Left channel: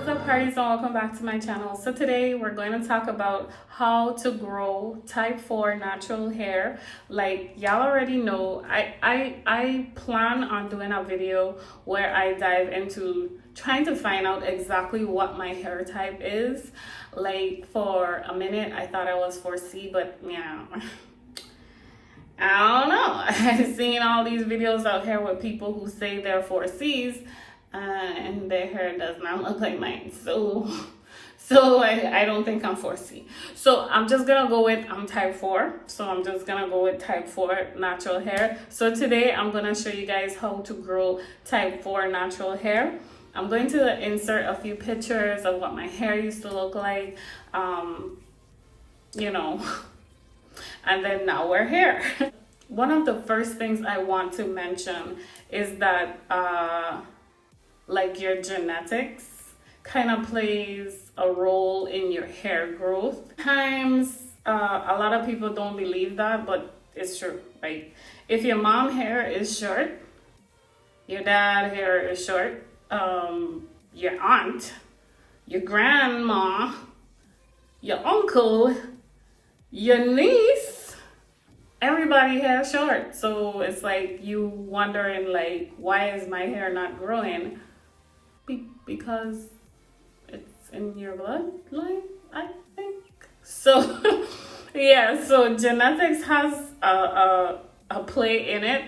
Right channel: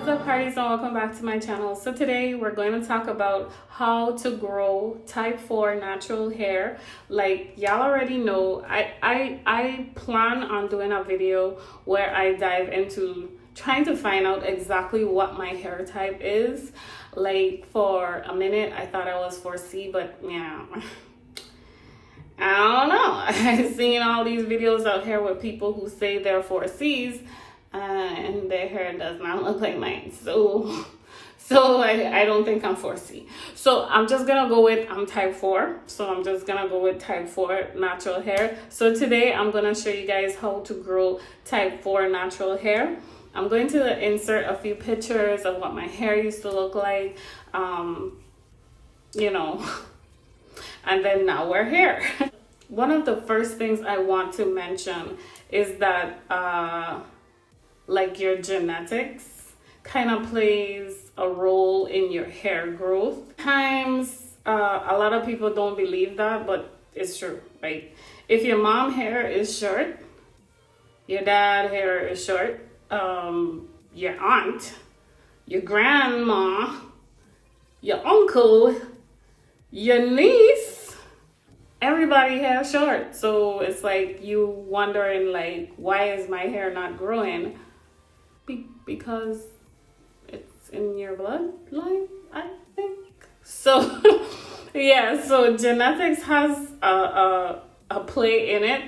What's up, parties, and welcome back to my channel. So today we're going to talk about how to grow type 4 natural hair. Like y'all already know, I plan on doing a video where I dive into trying to find out exactly what my hair type is. Like for a minute I thought I was 4C, but yeah, I don't know. I've seen all these videos out here with people who say they're 4Cs and their hair does not look like mine. So I don't think I'm 4C. So I'm just gonna go with I'm type 4. So I'm just gonna go with type 4 natural hair. So today I'm gonna show you guys how to grow type 4 natural hair. I'm going to insert a few pictures of what my hair used to look like. You know, and then now we're here. One of the first things I want to mention is that like your genetics kind of plays a role in your hair growth. Times a lot of people don't believe that, but it's true. Like if your mom hair is short, your dad hair is short, your aunt, your grandma, your uncle, your niece, everybody hair short. So it's like you wondering like, why is my hair not growing? Because it's in your bloodline, I think. So yeah, so genetics has a play in it.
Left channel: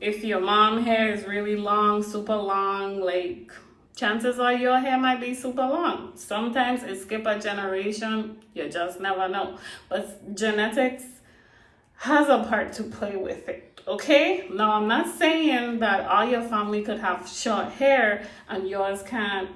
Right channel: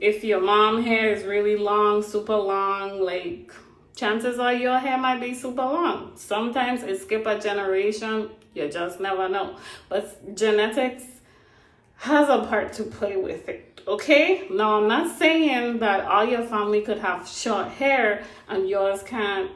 If your mom hair is really long, super long, like chances are your hair might be super long. Sometimes it skip a generation, you just never know. But genetics has a part to play with it, okay? Now, I'm not saying that all your family could have short hair and yours can't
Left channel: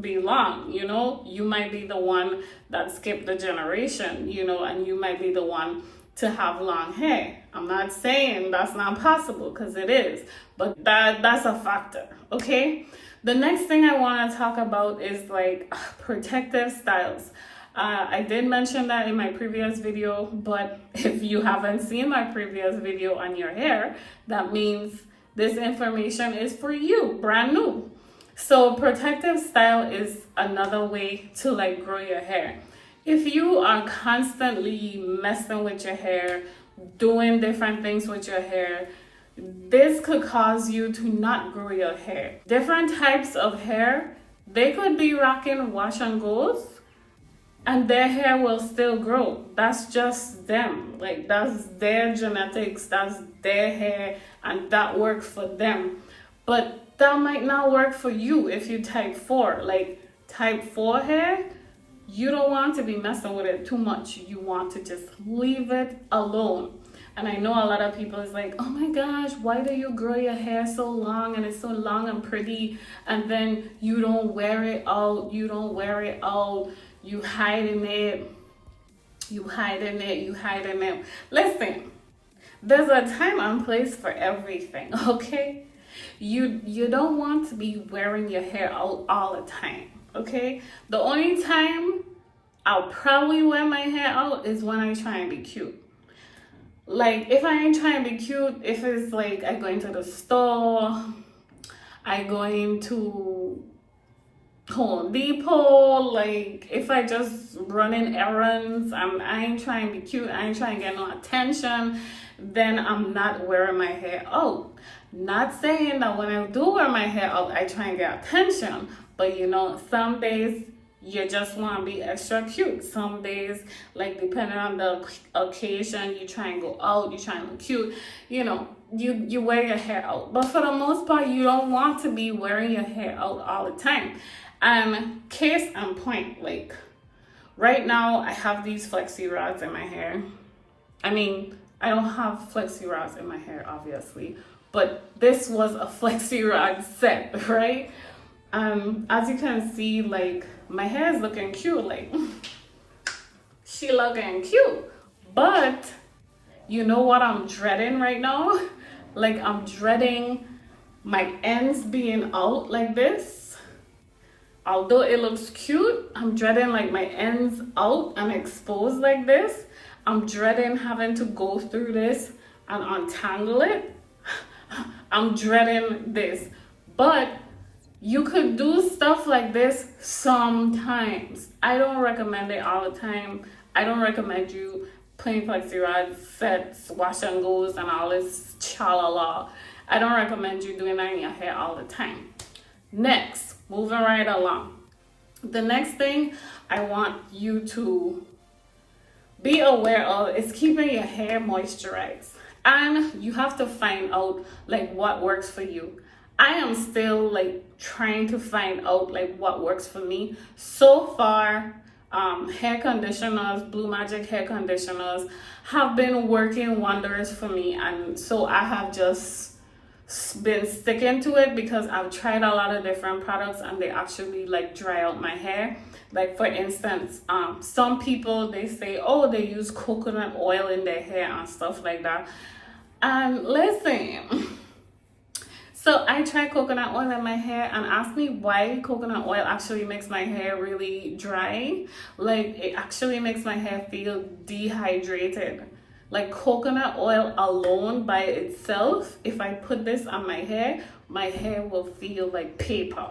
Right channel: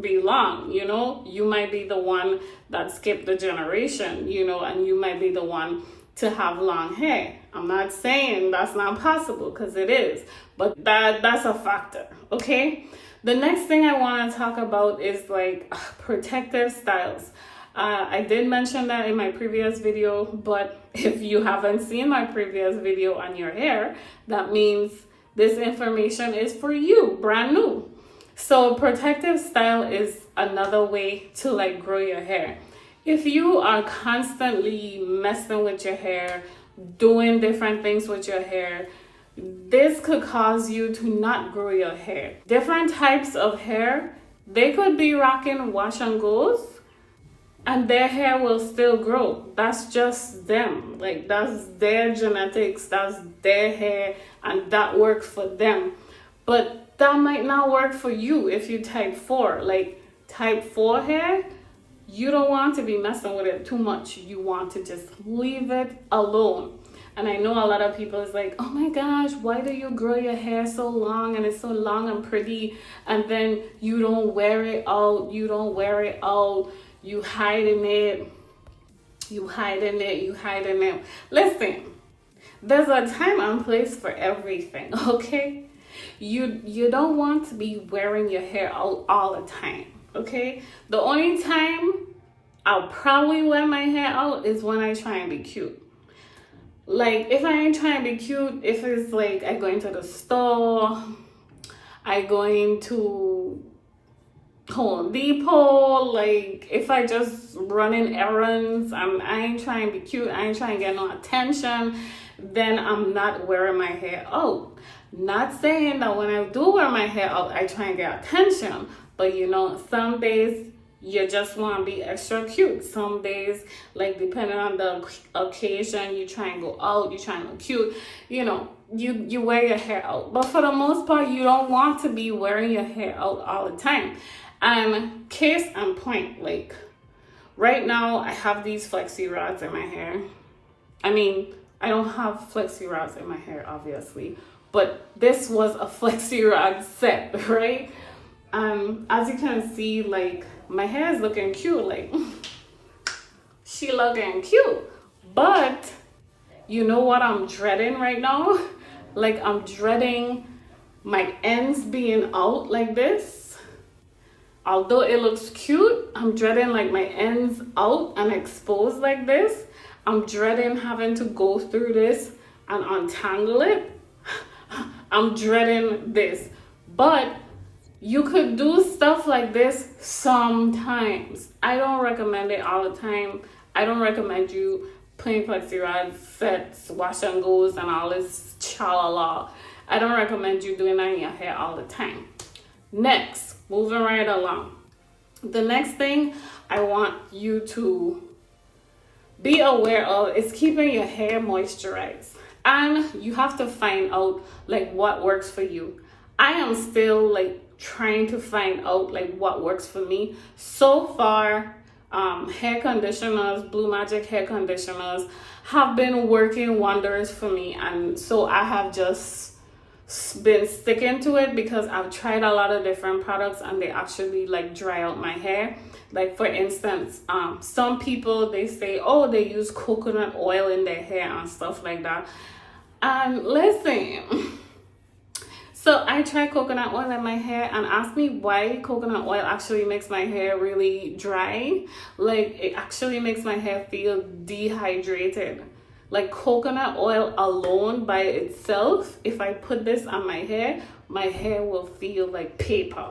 be long, you know? You might be the one that skipped the generation, you know, and you might be the one to have long hair. I'm not saying that's not possible, because it is, but that's a factor, okay? The next thing I want to talk about is like protective styles. I did mention that in my previous video, but if you haven't seen my previous video on your hair, that means this information is for you, brand new. So protective style is another way to like grow your hair. If you are constantly messing with your hair, doing different things with your hair, this could cause you to not grow your hair. Different types of hair, they could be rocking wash and goes, and their hair will still grow. That's just them. Like that's their genetics, that's their hair, and that works for them. But that might not work for you if you type 4. Like type 4 hair, you don't want to be messing with it too much. You want to just leave it alone. And I know a lot of people is like, oh my gosh, why do you grow your hair so long and it's so long and pretty, and then you don't wear it out, you hiding it. Listen, there's a time and place for everything, okay? You don't want to be wearing your hair out all the time, okay? The only time I'll probably wear my hair out is when I try and be cute. Like if I ain't trying to be cute, if it's like I go into the store, I go into Home Depot, like if I just running errands, I ain't trying to be cute, I ain't trying to get no attention, then I'm not wearing my hair out. Not saying that when I do wear my hair out, I try and get attention, but you know, some days you just want to be extra cute. Some days, like depending on the occasion, you try and go out, you try and look cute, you know, you wear your hair out. But for the most part, you don't want to be wearing your hair out all the time. And case in point, like right now I have these flexi rods in my hair. I mean, I don't have flexi rods in my hair, obviously, but this was a flexi rod set, right? As you can see, like my hair is looking cute, like she looking cute, but you know what I'm dreading right now? Like I'm dreading my ends being out like this. Although it looks cute, I'm dreading like my ends out and exposed like this. I'm dreading having to go through this and untangle it. I'm dreading this. But You could do stuff like this sometimes. I don't recommend it all the time. I don't recommend you playing flexi rods, sets, wash and goes, and all this cha-la-la. I don't recommend you doing that in your hair all the time. Next, moving right along. The next thing I want you to be aware of is keeping your hair moisturized. And you have to find out like what works for you. I am still like trying to find out like what works for me. So far, hair conditioners, Blue Magic hair conditioners have been working wonders for me, and so I have just been sticking to it because I've tried a lot of different products and they actually like dry out my hair. Like for instance, some people, they say, oh, they use coconut oil in their hair and stuff like that. And listen, so I tried coconut oil in my hair, and ask me why coconut oil actually makes my hair really dry. Like it actually makes my hair feel dehydrated. Like coconut oil alone by itself, if I put this on my hair will feel like paper.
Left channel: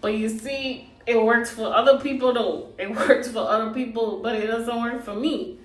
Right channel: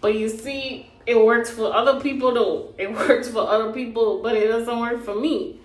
But you see, it works for other people though. It works for other people, but it doesn't work for me.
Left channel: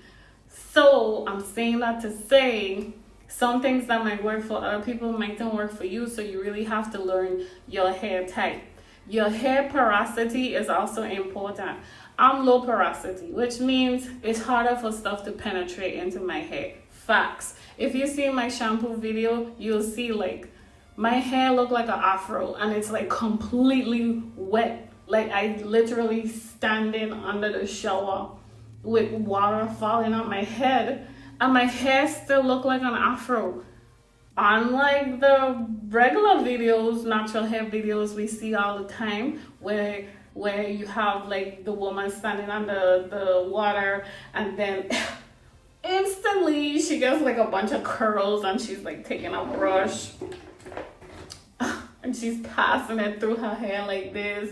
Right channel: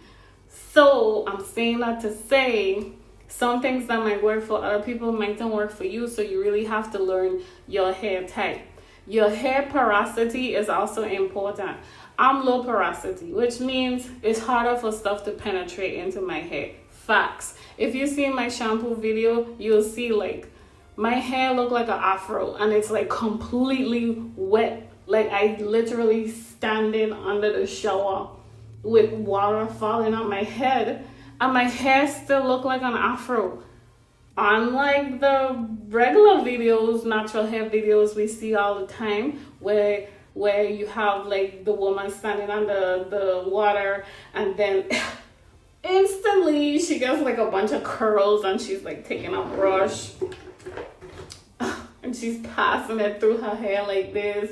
So I'm saying that to say, some things that might work for other people might not work for you, so you really have to learn your hair type. Your hair porosity is also important. I'm low porosity, which means it's harder for stuff to penetrate into my hair. Facts. If you see my shampoo video, you'll see like my hair look like an afro and it's like completely wet. Like I literally standing under the shower with water falling on my head, and my hair still look like an afro. Unlike the regular videos, natural hair videos we see all the time, where you have like the woman standing under the water and then instantly she gets like a bunch of curls and she's like taking a brush and she's passing it through her hair like this.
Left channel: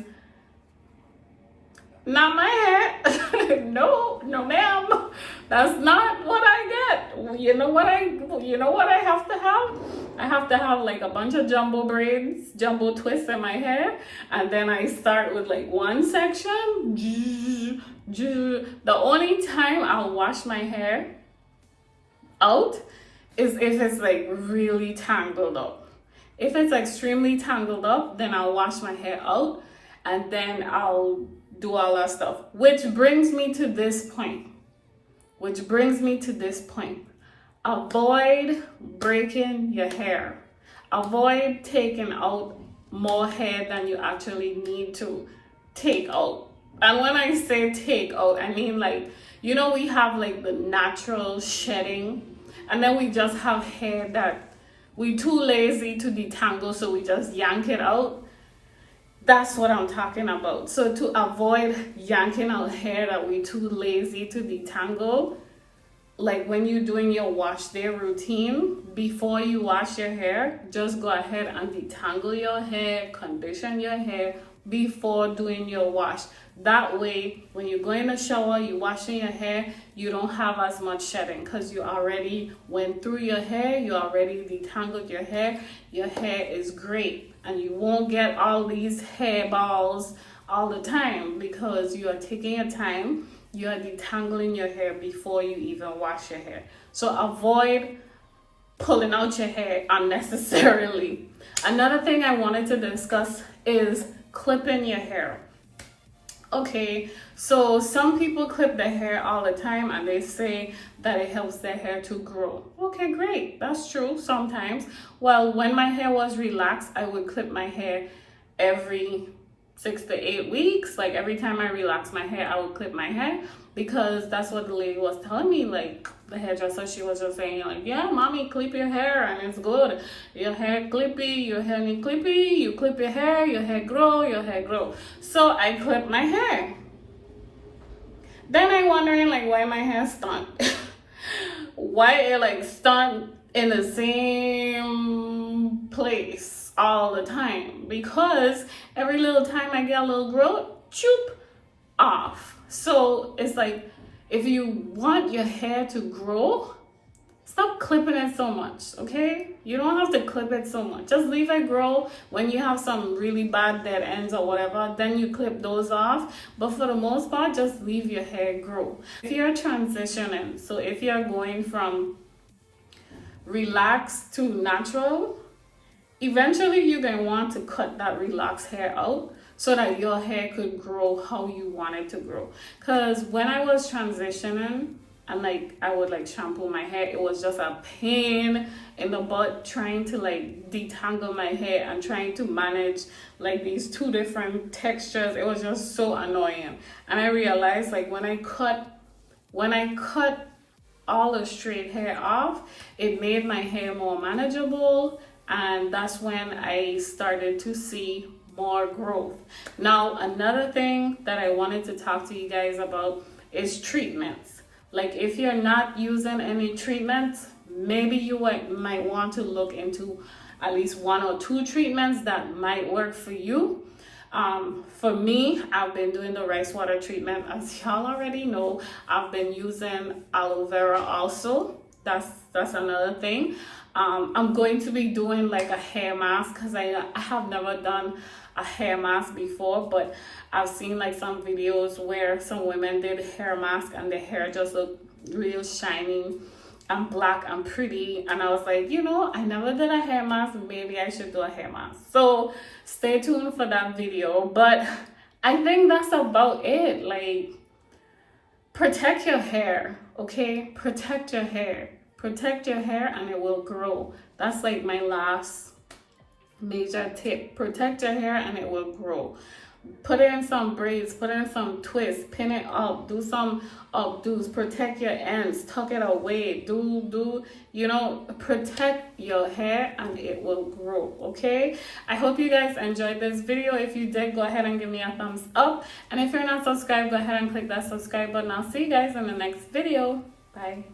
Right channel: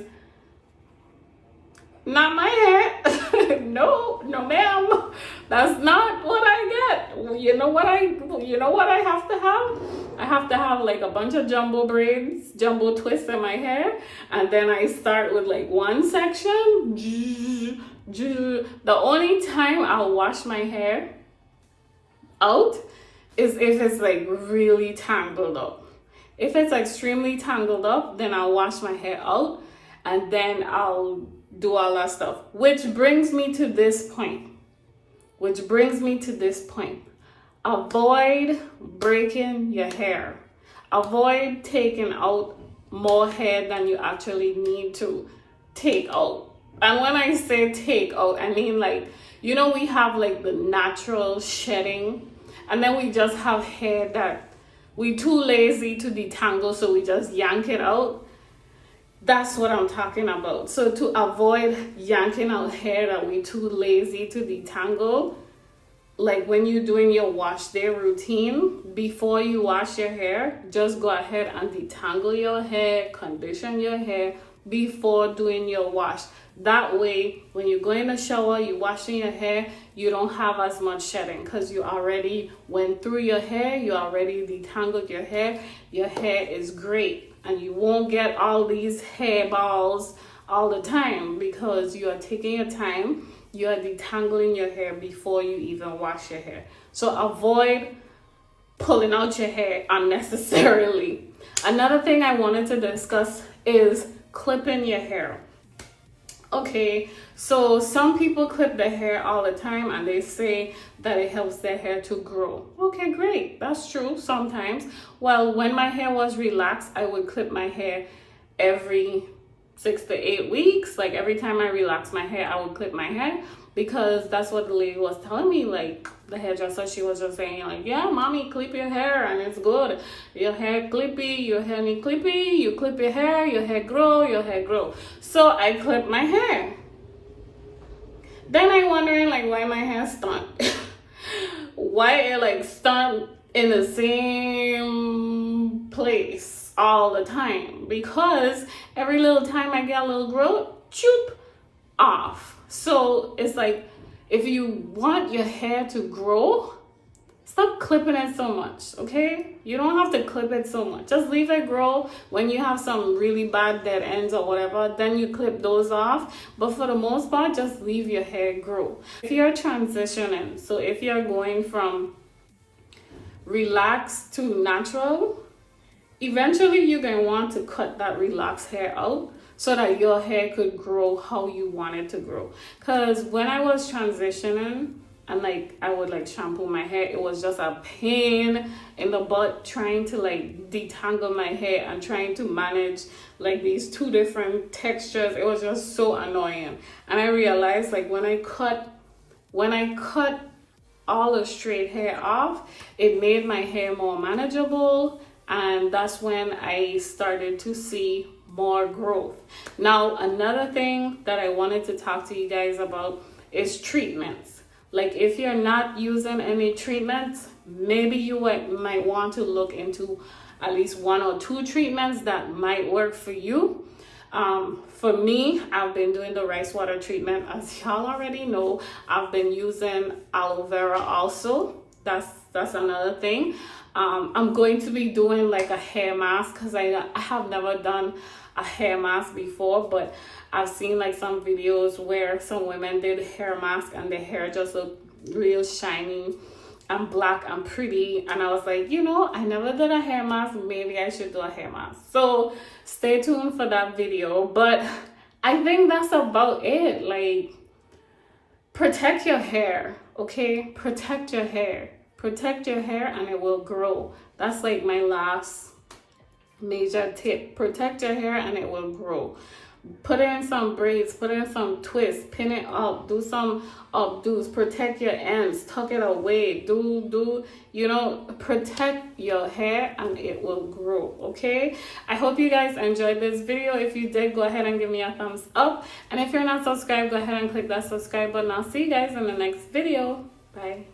Not my hair. No ma'am. That's not what I get. You know what I have to have? I have to have like a bunch of jumbo braids, jumbo twists in my hair, and then I start with like one section. The only time I'll wash my hair out is if it's like really tangled up. If it's extremely tangled up, then I'll wash my hair out and then I'll do all that stuff. Which brings me to this point. Avoid breaking your hair. Avoid taking out more hair than you actually need to take out. And when I say take out, I mean like, you know, we have like the natural shedding, and then we just have hair that we too lazy to detangle, so we just yank it out. That's what I'm talking about. So to avoid yanking out hair that we too lazy to detangle, like when you're doing your wash day routine, before you wash your hair, just go ahead and detangle your hair, condition your hair before doing your wash. That way, when you go in the shower, you're washing your hair, you don't have as much shedding because you already went through your hair, you already detangled your hair is great. And you won't get all these hair balls all the time because you are taking your time, you are detangling your hair before you even wash your hair. So avoid pulling out your hair unnecessarily. Another thing I wanted to discuss is clipping your hair. Okay, so some people clip their hair all the time and they say that it helps their hair to grow. Okay, great. That's true sometimes. Well, when my hair was relaxed, I would clip my hair every 6 to 8 weeks. Like every time I relax my hair, I would clip my hair because that's what the lady was telling me. Like the hairdresser, she was just saying like, yeah, mommy, clip your hair and it's good. Your hair clippy, your hair need clippy, you clip your hair grow. So I clip my hair. Then I'm wondering like why my hair stunt. Why it like stunt in the same place all the time? Because every little time I get a little growth, choop, off. So it's like, if you want your hair to grow, stop clipping it so much, okay? You don't have to clip it so much. Just leave it grow. When you have some really bad dead ends or whatever, then you clip those off. But for the most part, just leave your hair grow. If you're transitioning, so if you're going from relaxed to natural, eventually you're going to want to cut that relaxed hair out so that your hair could grow how you want it to grow. Because when I was transitioning, and like I would like shampoo my hair, it was just a pain in the butt trying to like detangle my hair and trying to manage like these two different textures. It was just so annoying. And I realized like when I cut all the straight hair off, it made my hair more manageable, and that's when I started to see more growth. Now another thing that I wanted to talk to you guys about is treatments. Like if you're not using any treatments, maybe you might want to look into at least 1 or 2 treatments that might work for you. For me, I've been doing the rice water treatment. As y'all already know, I've been using aloe vera also. That's another thing. I'm going to be doing like a hair mask because I have never done a hair mask before, but I've seen like some videos where some women did hair mask and their hair just looked real shiny and black and pretty, and I was like, you know, I never did a hair mask, maybe I should do a hair mask. So stay tuned for that video. But I think that's about it. Like, protect your hair, okay? Protect your hair and it will grow. That's like my last major tip. Protect your hair and it will grow. Put in some braids, put in some twists, pin it up, do some updos, protect your ends, tuck it away, you know, protect your hair and it will grow, okay? I hope you guys enjoyed this video. If you did, go ahead and give me a thumbs up, and if you're not subscribed, go ahead and click that subscribe button. I'll see you guys in the next video. Bye.